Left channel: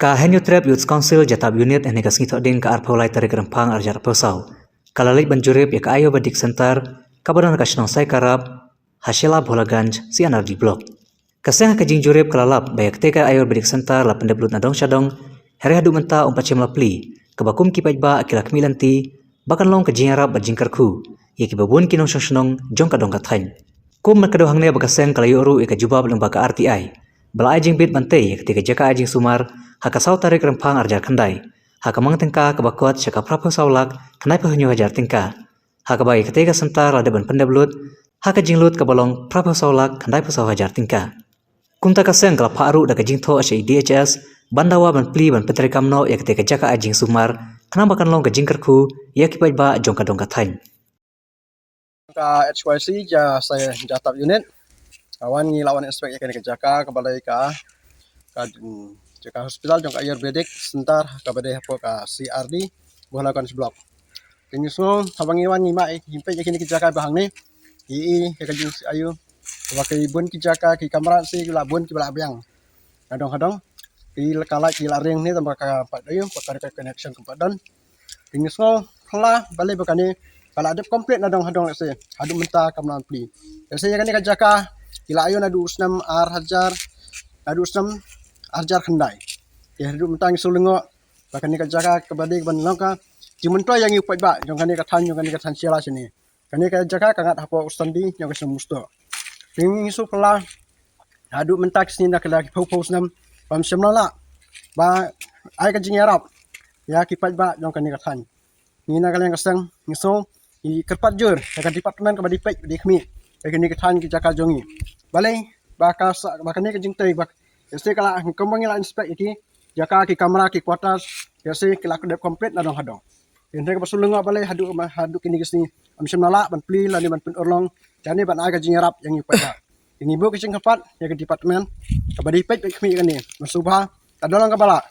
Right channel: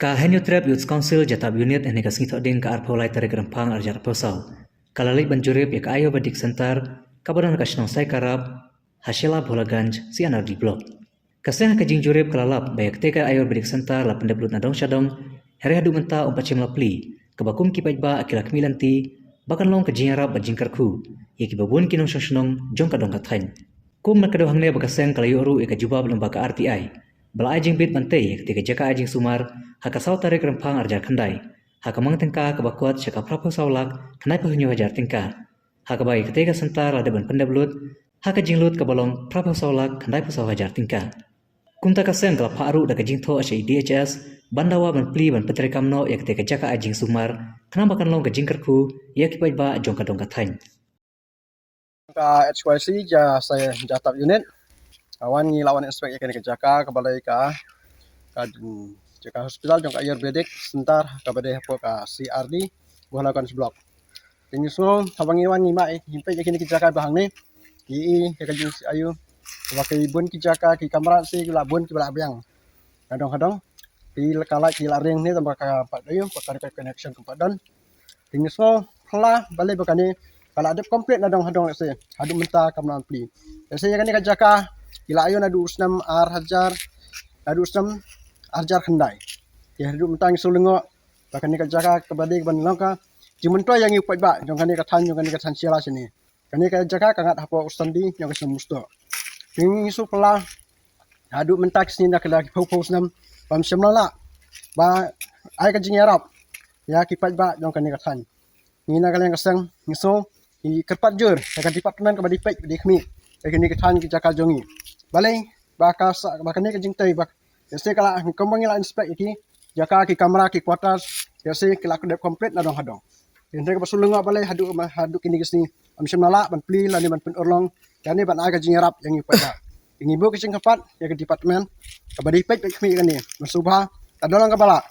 Ka Henyu Trap Youth Council Jatab Unit and Negas Ngito Din ka Arpaulai Tarik Rempang Arjar Posau. Kalalai Banjurip ya ka Ayo Badik Center, Kabadan Kashnong Sai Karab, Hashela Bolaganj, si Anardi Blok. Kaseng ka Jingjurip kalalap bayak teka Ayo Badik Center la pendeblut nadong syadong, hari hadu menta umpacim lapli, kebakum kipajba akilak milanti, bahkan long ka Jingarap Bajingkarku, ya kibabun kinong syong jong kadong kathain. Kum merkado hangne bakaseng kalayo ru ika jubab lembaga RTI. Bala ajing bit bantai ketika jaka ajing sumar, haka saw tarik rempang arjar kandai. Haka mang tengka kebakuat syaka prapo sawlak, kenai pahenyo hajar tingka. Haka bagi ketika sentar ada ban pendeblut, haka jinglut kebalong prapo sawlak, kenai pasaw hajar tingka. Kumta kaseng kalap haru daka jingtho asya DHS, bandawa ban pli ban petri kamno ya ketika jaka ajing sumar, kenapa kan long ke jingkarku, ya kipaj ba jong kadong kathain. HYC saya Jatab Unit kawan lawan inspek ikan ke Jaka kepada Jaka Hospital jong Ayurvedic Center kepada ka CRD buhalakan seblok. Ini semua sabang iwan nima himpe ikan ke Jaka bahang ni i kajing ayu sebagai bun ke Jaka ki kamera si labun ki balabyang. Kadang-kadang ki kala ki laring ni tambah ka pat ayu pakar connection ke padan. Ini semua kala balik bakani kalau ada komplit nadong hadong se hadu menta kamlan pli. Jadi kan ka Jaka kila ayo nadu usnam ar hajar nadu usnam arjar khandai. Ya hadu menta sulungo bahkan ka Jaka kebade ban langka jimentoy yang ipai ba jong kan ka than sila sini. Kan ka Jaka kangat hapo ustandi yang kesemusto. Ini su pela hadu menta sini nak lagi pau usnam pam semlala. Ba ai ka jingarap ya kipai ba jong kan ka than. Ini nak yang kesang ngiso i kerpat jur akan departemen ke badipek di khmi begini ke than ke Jaka jongi balai bakas bahkan ni ke jingtai bak jadi kalau kembang la inspek iki Jaka ki kamera ki kuartas jadi kalau kedep komplit nadong hadong jadi ke pasulunga balai hadu kini kesini amsim nala ban pli lani ban pen orlong yani ban aga jingarap yang ipa ini bu ke kerpat ya ke departemen ke badipek khmi ini bersubha adolong ke bala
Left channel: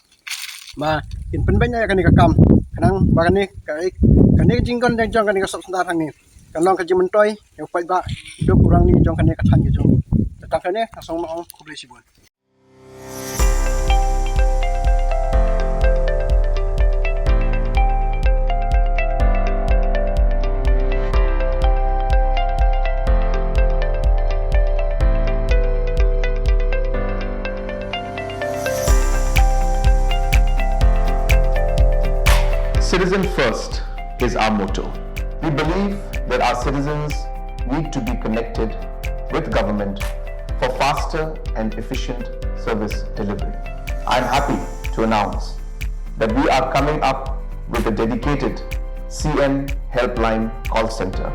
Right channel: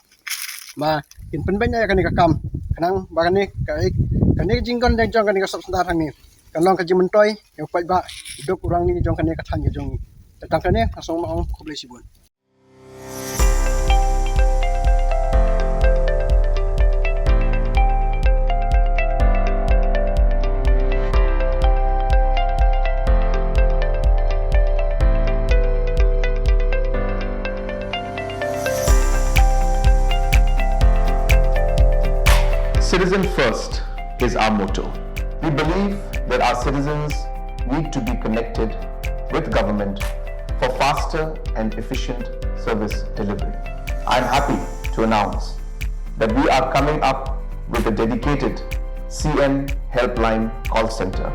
ma in penbenya kan ke kam kanang bahkan ni kan ni jingkon dan jong kan ni kasap sentar ni kan long kaji mentoy yang kuat ba hidup kurang ni jong kan ni kathan ke jong datang kan ni langsung mau kublai sibun. Citizen first is our motto. We believe that our citizens need to be connected with government for faster and efficient service delivery. I am happy to announce that we are coming up with a dedicated CM helpline call center